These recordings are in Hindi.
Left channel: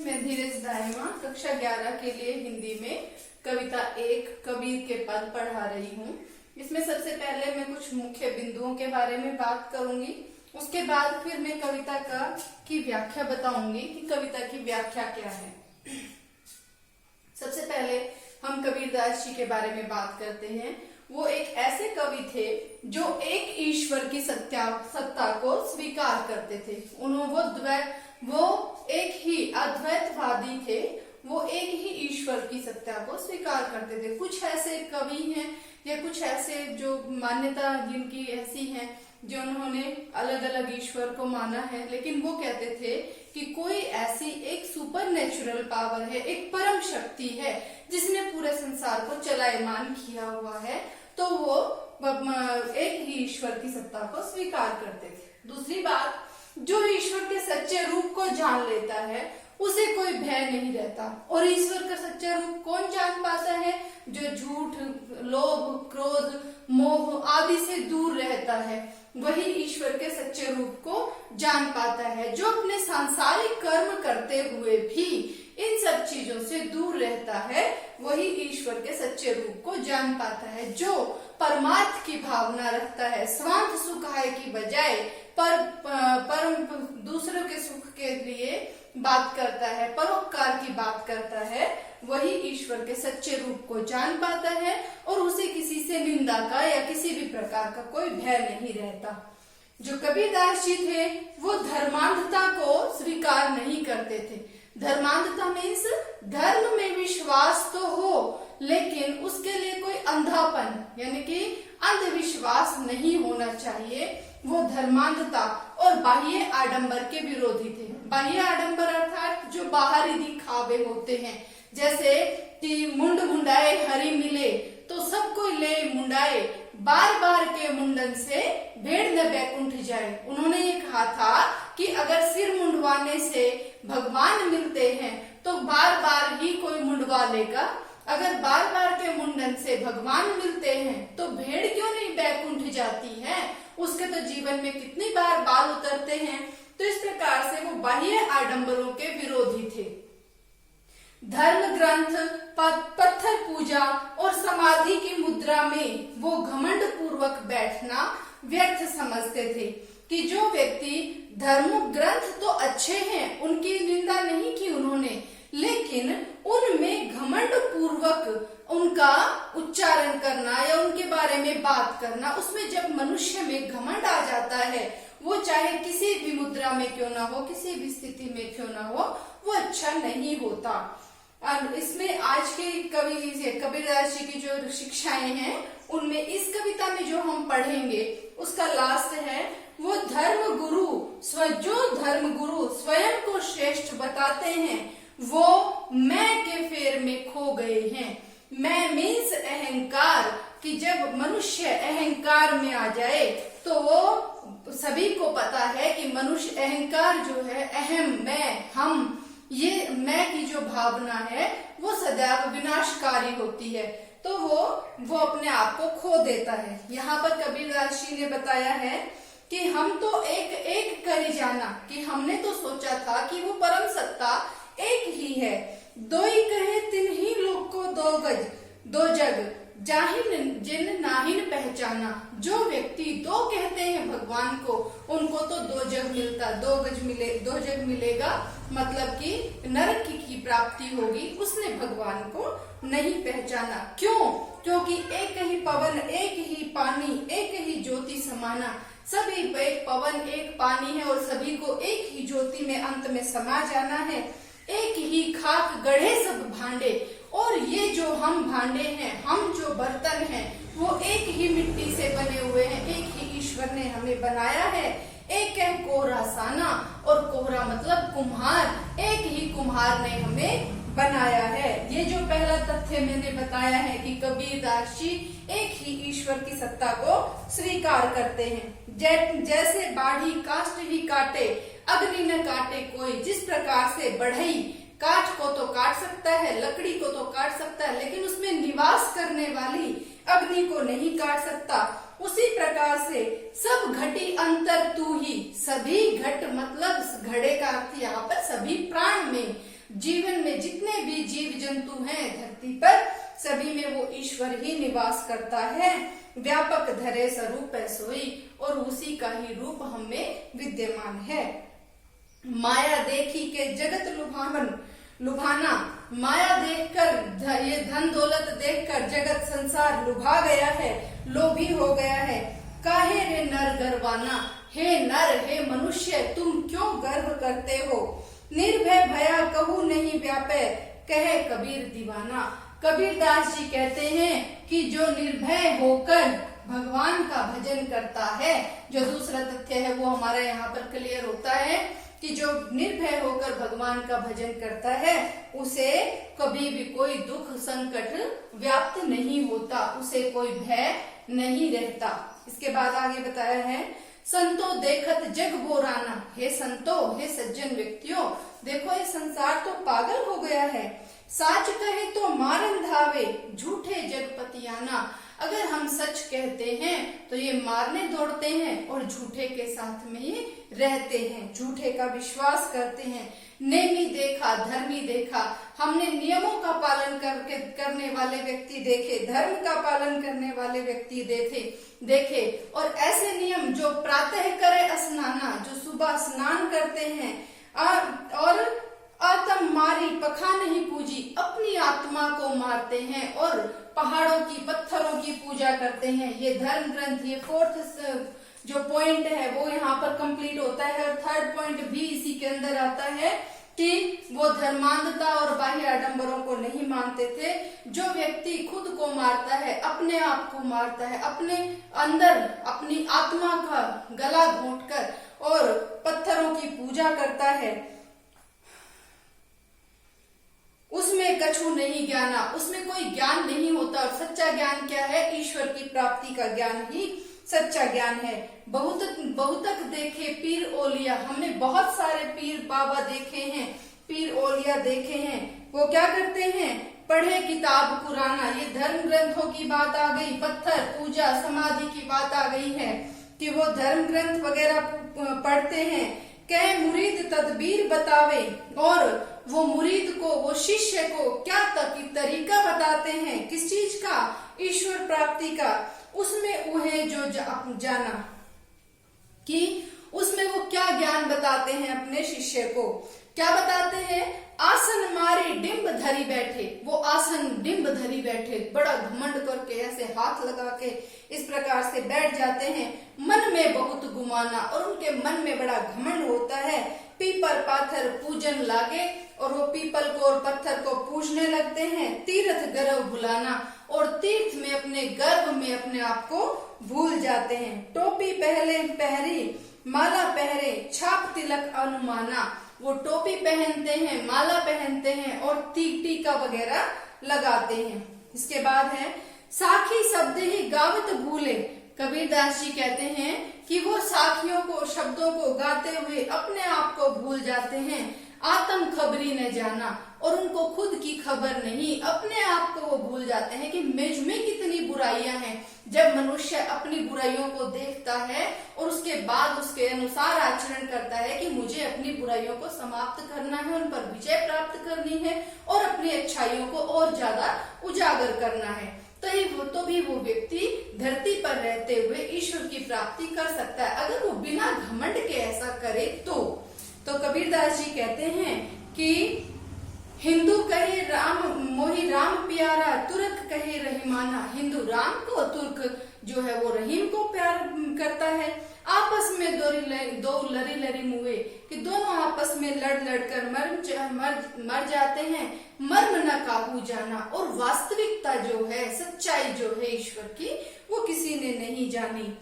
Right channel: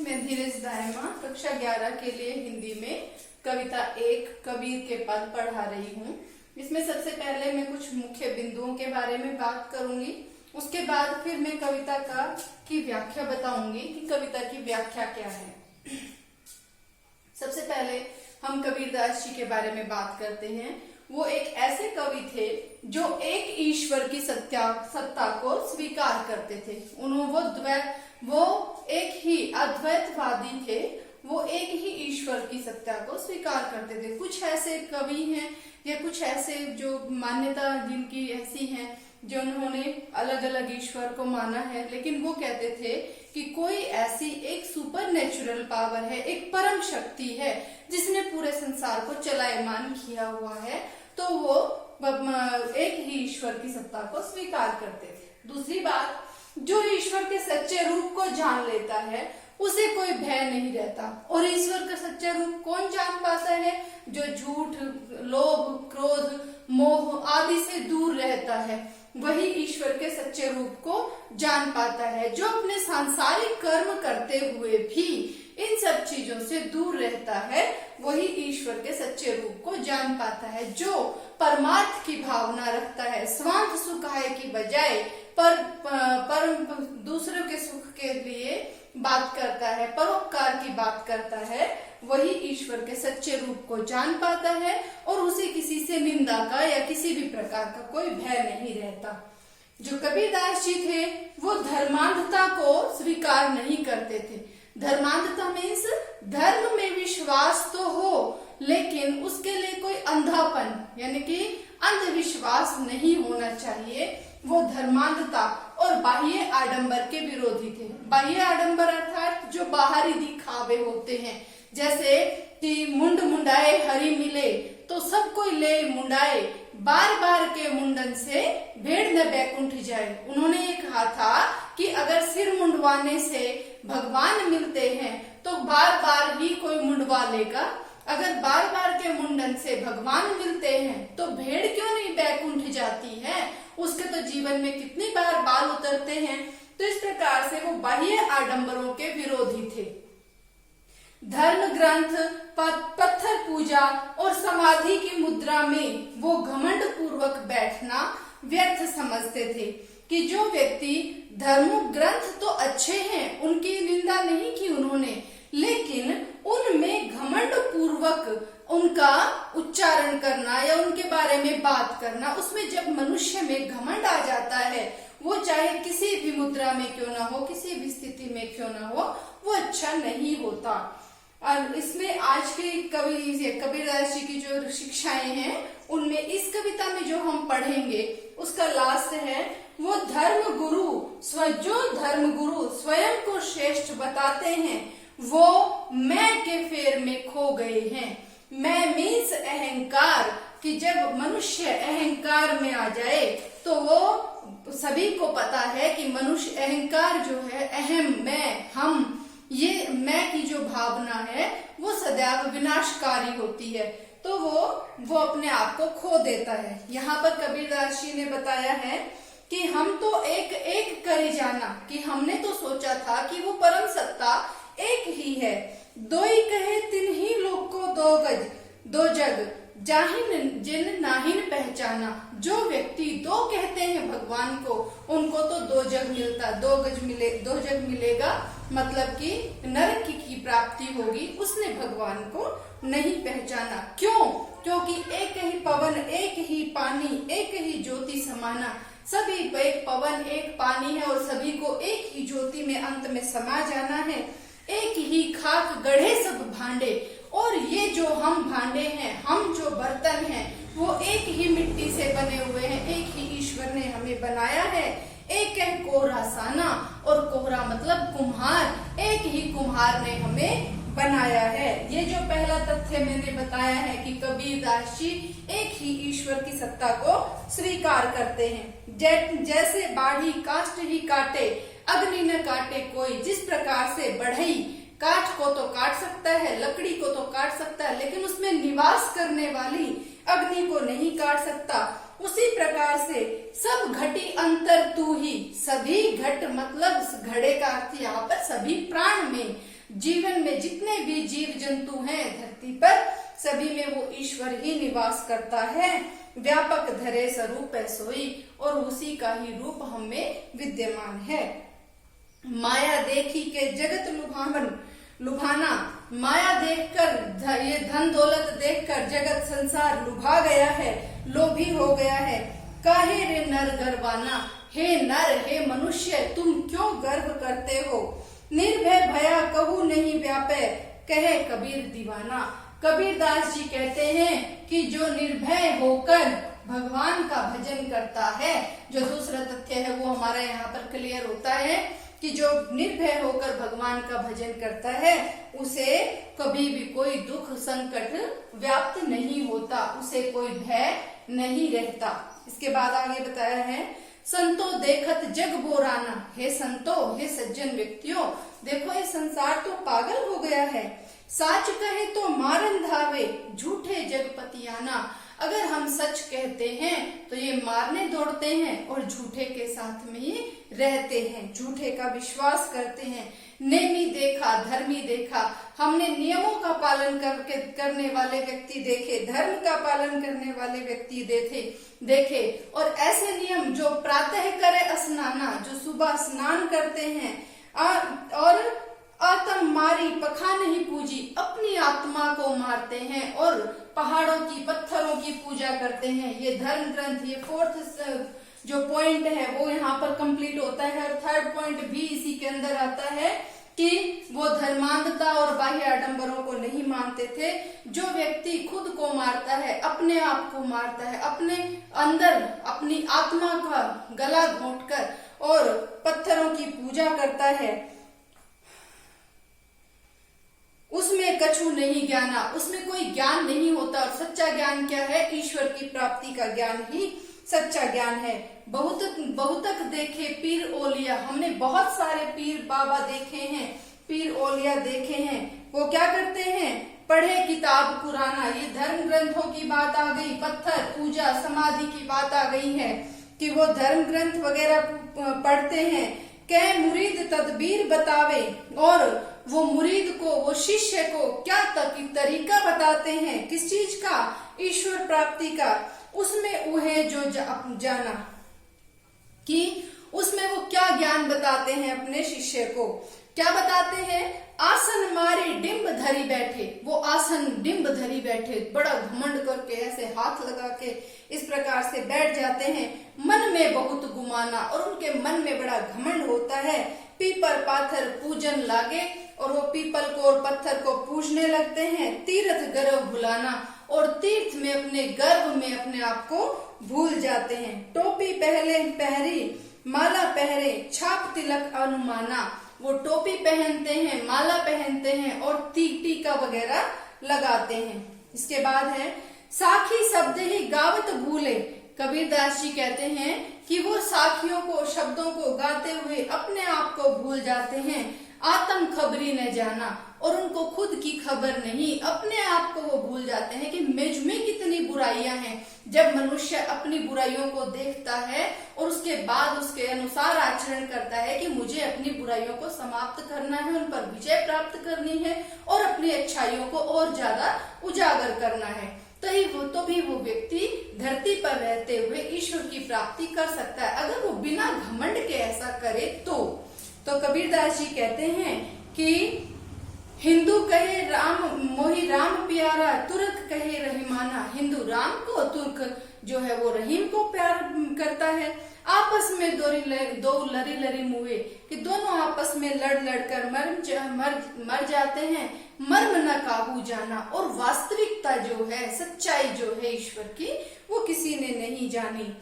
मैं धीरज दायमा कक्षा 11 के लिए हिंदी में कविता 1 कबीर के पद पढ़ा रही हूँ। इसमें सबसे पहले मैं कुछ मुख्य बिंदुओं के बारे में बात करूंगी। उसके बाद फिर मैं कविता की व्याख्या बताऊंगी कि कविता की व्याख्या क्या है। सबसे पहले हम कबीरदास जी के बारे में बात करते हैं। वो एक ऐसे कवि थे जो एक ईश्वर की सत्ता को स्वीकार करते थे। वो एक ही अद्वैतवादी थे। वो एक ही ईश्वर की सत्ता को स्वीकार करते थे। कुछ ऐसे कवि हैं या कुछ ऐसे जो मान्यता जिनकी ऐसी है जो उन्होंने अलग अलग ईश्वर को माना है, लेकिन वो कहते थे कि कोई ऐसी एक सुपर नेचुरल पावर है, एक परम शक्ति है जिसने पूरे संसार को चलायमान किया हुआ है, तो वो एक ही ईश्वर की सत्ता को स्वीकार करते थे। दूसरी बात, जो ईश्वर के सच्चे रूप को जान लेता है उसे कोई भय नहीं रहता। और ईश्वर का सच्चा रूप कौन जान पाता है? जो झूठ, लोभ, क्रोध, मोह आदि से दूर रहता है, वही ईश्वर के सच्चे रूप को जान पाता है। जो अपने सांसारिक कर्म करते हुए भी इन सब चीजों से दूर रहता है, वही ईश्वर के सच्चे रूप को जान पाता है। जो परमार्थ की भावना रखता है, स्वार्थ सुखाय की बजाय पर दूसरों के सुख के लिए बात करता है, परोपकार की बात करता है, वही ईश्वर के सच्चे रूप को जान पाता है और उसे किसी से निंदा का या किसी भी प्रकार का कोई भय नहीं रहता। जो कबीरदास जी थे वो धर्मांधता को स्वीकार नहीं करते थे। धर्मांधता मीन्स धर्म में विश्वास तो हो, लेकिन उसके लिए कोई अंधापन यानी कि अंधविश्वास नहीं होना चाहिए। वो धर्मांधता और बाह्य आडंबर के विरोधी थे। बाह्य आडंबर अर्थात जो बाहरी दिखावे होते हैं, जैसे कि मुंड मुंडाए हरि मिले तो सब कोई ले मुंडाए, बार बार के मुंडन से भेड़ न बैकुंठ जाए। उन्होंने ये कहा था कि अगर सिर मुंडवाने से भगवान मिलते हैं तो बार बार ही कोई मुंडवा लेगा। अगर बार बार के मुंडन से भगवान मिलते हैं तो भेड़ क्यों नहीं बैकुंठ जाती है? उसके तो जीवन में कितनी बार बाल उतरते हैं। तो इस प्रकार से वो बाह्य आडंबरों के विरोधी थे। धर्म ग्रंथ, पत्थर पूजा और समाधि की मुद्रा में वो घमंड पूर्वक बैठना व्यर्थ समझते थे। कि जो व्यक्ति धर्म ग्रंथ तो अच्छे हैं, उनकी निंदा नहीं की उन्होंने, लेकिन उनमें घमंड पूर्वक उनका उच्चारण करना या उनके बारे में बात करना, उसमें जब मनुष्य में घमंड आ जाता है, वो चाहे किसी भी मुद्रा में क्यों ना हो, किसी भी स्थिति में क्यों ना हो, वो अच्छा नहीं होता। और इसमें आज के कबीरदास जी की जो शिक्षाएं हैं, उनमें इस कविता में जो हम पढ़ेंगे उसका लास्ट है, वो धर्म गुरु स्वयं को श्रेष्ठ बताते हैं, वो मैं के फेर में खो गए हैं। मैं मीन्स अहंकार, कि जब मनुष्य अहंकार में आ जाए तो वो सभी को पता है कि मनुष्य अहंकार जो है, अहम, मैं, हम, ये मैं की जो भावना है वो सदैव विनाशकारी होती है, तो वो अपने आप को खो देता है। यहाँ पर कबीरदास जी ने बताया है कि हम तो एक एक करे जाना, कि हमने तो सोचा था कि वो परम सत्ता एक ही है। दो ही कहे तिन ही लोग को दो गज दो जग, जाहिन जिन नाहिन पहचाना। जो व्यक्ति दो कहते हैं भगवान को, उनको तो दो जग मिलता, दो जग मिलेगा, मतलब कि नरक की प्राप्ति होगी। उसने भगवान को नहीं पहचाना। क्यों? क्योंकि एक ही पवन, एक ही पानी, एक ही ज्योति समाना। सभी एक पवन, एक पानी है और सभी को एक ही ज्योति में अंत में समा जाना है। एक ही खाक गढ़े सब भांडे, और ये जो हम भांडे हैं, हम जो बर्तन हैं, वो एक ही मिट्टी से बने हुए हैं। एक ही ईश्वर ने हमें बनाया है। एक है कोहरा साना, और कोहरा मतलब कुम्हार, एक ही कुम्हार ने हमें बनाया है। ये जो पहला तथ्य मैंने बताया है कि कबीरदास जी एक ही ईश्वर की सत्ता को स्वीकार करते हैं। जैसे बाढ़ी काष्ठ ही काटे, अग्नि न काटे कोई। जिस प्रकार से बढ़ई काठ को तो काट सकता है, लकड़ी को तो काट सकता है, लेकिन उसमें निवास करने वाली अग्नि को नहीं काट सकता। उसी प्रकार से सब घटी अंतर तू ही। सभी घट मतलब घड़े का अर्थ यहाँ पर सभी प्राण में जीवन में जितने भी जीव जंतु हैं धरती पर, सभी में वो ईश्वर ही निवास करता है। व्यापक धरे स्वरूप है सोई, और उसी का ही रूप हम में विद्यमान है। माया देखी के जगत लुभाना, माया देखकर, ये धन दौलत देखकर जगत संसार लुभा गया है, लोभी हो गया है। काहे रे नर गर्वाना, हे नर हे मनुष्य तुम क्यों गर्व करते हो। निर्भय भया कहू नहीं व्यापे, कहे कबीर दीवाना। कबीर दास जी कहते हैं कि जो निर्भय होकर भगवान का भजन करता है, जो दूसरा तथ्य है वो हमारे यहाँ पर क्लियर होता है कि जो निर्भय होकर भगवान का भजन करता है उसे कभी भी कोई दुख संकट व्याप्त नहीं होता, उसे कोई भय नहीं रहता। इसके बाद आगे बताया है, संतो देखत जग बोराना, हे संतो हे सज्जन व्यक्तियों, देखो ये संसार तो पागल हो गया है। साच कहे तो मारन धावे, झूठे जगपतियाना। अगर हम सच कहते हैं तो ये मारने दौड़ते हैं और झूठे के साथ में ही रहते हैं, झूठे का विश्वास करते हैं। नेमी देखा धर्मी देखा, हमने नियमों का पालन करने वाले व्यक्ति देखे, धर्म का पालन करने वाले व्यक्ति देखे। और ऐसे नियम जो प्रातः करे स्नाना, जो सुबह स्नान करते हैं, और आत्म मारी पखा नहीं पूजी, अपनी आत्मा को मारते हैं और पहाड़ों की पत्थरों की पूजा करते हैं। ये धर्म ग्रंथ, ये फोर्थ जो पॉइंट है वो यहाँ पर कंप्लीट होता है। और थर्ड पॉइंट भी इसी के अंदर आता है कि वो धर्मांधता और बाह्य आडंबरों को नहीं मानते थे। जो व्यक्ति खुद को मारता है, अपने आप को मारता है, अपने अंदर अपनी आत्मा का गला घोंटकर और पत्थरों की पूजा करता है, उसमें कछु नहीं ज्ञाना, उसमें कोई ज्ञान नहीं होता। और सच्चा ज्ञान क्या है? ईश्वर की प्राप्ति का ज्ञान ही सच्चा ज्ञान है। बहुतक देखे पीर ओलिया, हमने बहुत सारे पीर बाबा देखे हैं, पीर ओलिया देखे हैं। वो क्या करते हैं? पढ़े किताब पुराना, ये धर्म ग्रंथों की बात आ गई, पत्थर पूजा समाधि की बात आ गई है कि वो धर्म ग्रंथ वगैरह पढ़ते हैं। कह मुरीद तदबीर बतावे, और वो मुरीद को, वो शिष्य को क्या तरीका बताते हैं, किस चीज का? ईश्वर प्राप्ति का। उसमें उहे जो जाना, कि उसमें वो क्या ज्ञान बताते हैं अपने शिष्य को, क्या बताते हैं? आसन मारी डिंब धरी बैठे, वो आसन डिंब धरी बैठे, बड़ा घमंड करके ऐसे हाथ लगा के इस प्रकार से बैठ जाते हैं। मन में बहुत गुमाना, और उनके मन में बड़ा घमंड होता है। पीपल पाथर पूजन लागे, और वो पीपल को और पत्थर को पूजने लगते हैं। तीर्थ गर्व भुलाना, और तीर्थ में अपने गर्व में अपने आप को भूल जाते हैं। टोपी पहरी माला पहरे, छाप तिलक अनुमाना, वो टोपी पहनते हैं, माला पहनते हैं और टीका वगैरह लगाते हैं। इसके बाद है साखी शब्द ही गावत भूले। कबीरदास जी कहते हैं कि वो साखियों को, शब्दों को गाते हुए अपने आप को भूल जाते हैं। आत्म खबरी न जाना, और उनको खुद की खबर नहीं, अपने आप को वो भूल जाते हैं कि मुझ में कितनी बुराइयां हैं। जब मनुष्य अपनी बुराइयों को देखता है और उसके बाद उसके अनुसार आचरण करता है कि मुझे अपनी बुराइयों को समाप्त करना है, उन पर विजय प्राप्त करनी है और अपनी अच्छाइयों को और ज्यादा उजागर करना है, तो भी वो व्यक्ति धरती पर रहते हुए ईश्वर की प्राप्ति कर सकता है। अगर वो बिना घमंड के ऐसा करे तो कबीरदास जी कहते हैं कि हिंदू कहे राम मोहि राम प्यारा, तुर्क कहे रहीमाना। हिंदू राम को, तुर्क जो है वो रहीम को प्यार करता है। आपस में दो लरी मुए, कि दोनों आपस में लड़ कर मर जाते हैं। मर्म न काबू जाना, और वास्तविकता जो है, सच्चाई जो है ईश्वर की, वो किसी ने नहीं जानी।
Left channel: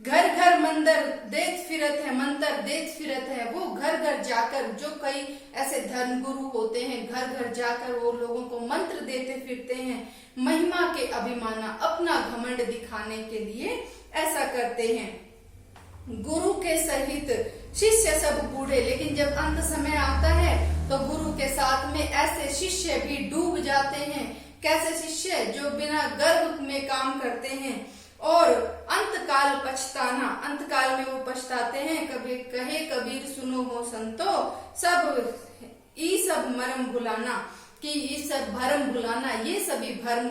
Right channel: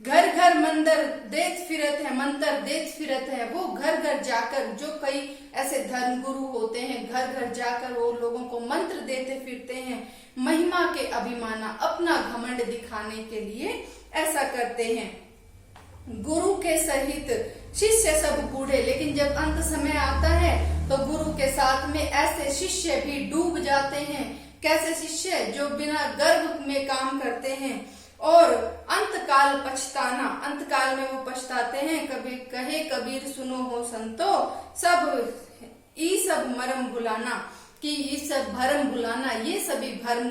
घर घर मंदिर देख फिरत है, मंत्र देख फिरत है। वो घर घर जाकर, जो कई ऐसे धर्म गुरु होते हैं, घर घर जाकर वो लोगों को मंत्र देते फिरते हैं। महिमा के अभिमाना, अपना घमंड दिखाने के लिए ऐसा करते हैं। गुरु के सहित शिष्य सब बूढ़े, लेकिन जब अंत समय आता है तो गुरु के साथ में ऐसे शिष्य भी डूब जाते हैं। कैसे शिष्य? जो बिना गर्व में काम करते हैं और अंतकाल पछताना, अंतकाल में वो पछताते हैं। कभी कहे कबीर सुनो हो संतो, सब ई सब मरम भुलाना, कि ये सब भरम भुलाना, ये सभी भ्रम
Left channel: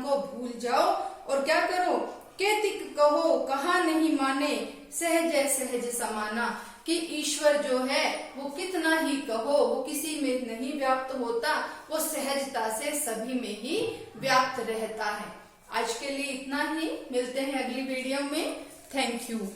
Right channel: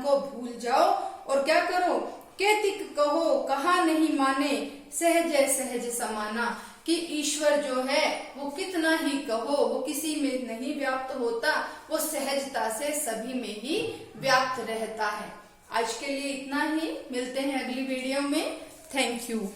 को भूल जाओ और क्या करो, केतिक कहो कहा नहीं माने, सहज सहज समाना, कि ईश्वर जो है वो कितना ही कहो वो किसी में नहीं व्याप्त होता, वो सहजता से सभी में ही व्याप्त रहता है। आज के लिए इतना ही, मिलते हैं अगली वीडियो में। Thank you.